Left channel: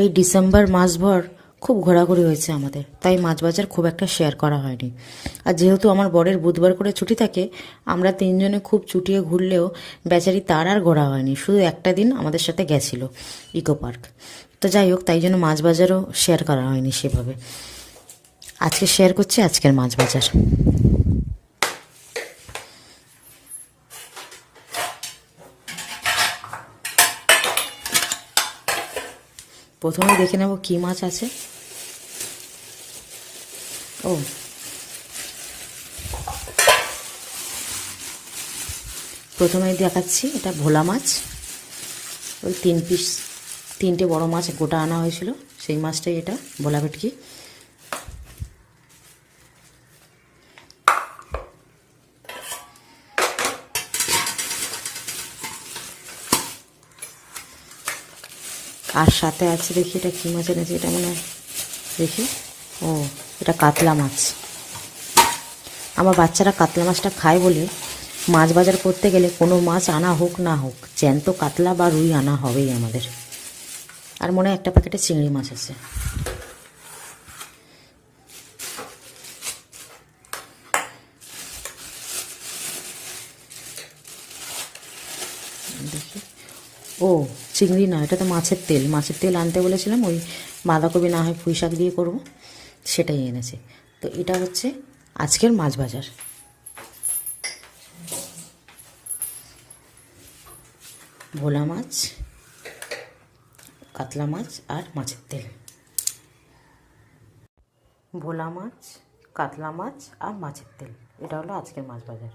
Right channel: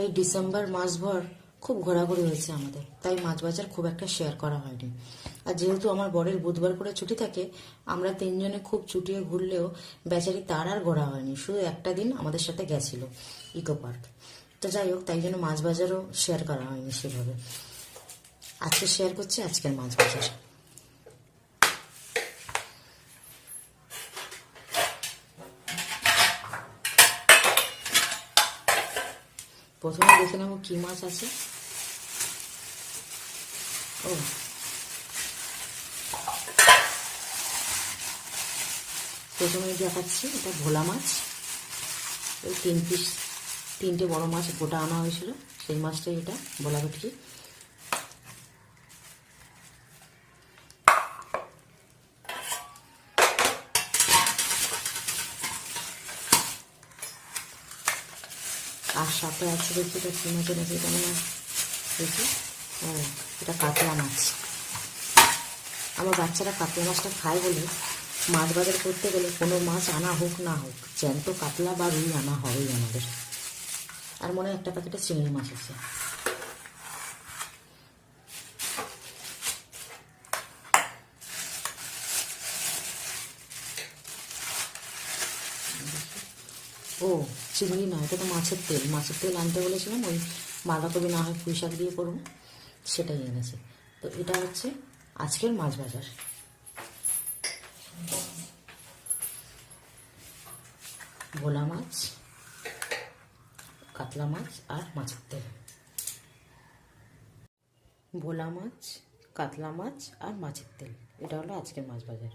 এই ডিসেম্বর মাসভর খুব ঘোরাঘুরি হয়েছে আমাদের, তাই মাছ বাজার খুব একটা শেয়ার করা হয়নি। আর যেহেতু আমার বরের বুধবার করে ছুটি থাকে, আমরা তিনজনে খুব চুটিয়ে ঘুরলেও বেচারি তার আর ঘোরা হয়নি, শুধু একটা দিন আমাদের সাথে গেছিল ইকো পার্ক। তো যাই হোক, তাই জন্য মাছ বাজারও শেয়ার করা হয়নি সেভাবে। আজকে শেয়ার করছি আজকের মাছ বাজার। প্রথমে দেখে নেব কী মাছ আছে। ও, প্রথমে দেখাচ্ছি, এটা ভোলা মাছ। ওই 3 পিস, 3টে বড় মাছ গোটা আনা হয়েছিল, সেই মাছটাই এটা, ভোলা ভেটকি। আর সাথে আছে, দেখি এটা কী মাছ এনেছে, এটা মানে দেখি। ও, এটা কাতলা মাছ। আমার বাচ্চারা কাতলা মাছটা খায় বলে মাছ বাজার করতে গেলে কোনো মাছ আনা হোক না হোক, জ্যান্ত কাতলা বা রুই আনা হবেই আমাদের। আর মনে হয় একটা প্যাকেটে চিংড়ি মাছ আছে। ও, চিংড়ি না, এটা তো মাছের তেল। মাছের তেল আনতে বলেছিলাম, ওই বাঁধাকপি না হয় পুঁই শাক দিয়ে করবো, সেটাই এনেছে। তো এটা হচ্ছে আজকের মাছ বাজার। ভোলা মাছ, কাতলা মাছ আর মাছের তেল। ভোলা মাছ, কাতলা মাছ আর মাছের তেল, এটা হলো আজকের মাছ বাজার।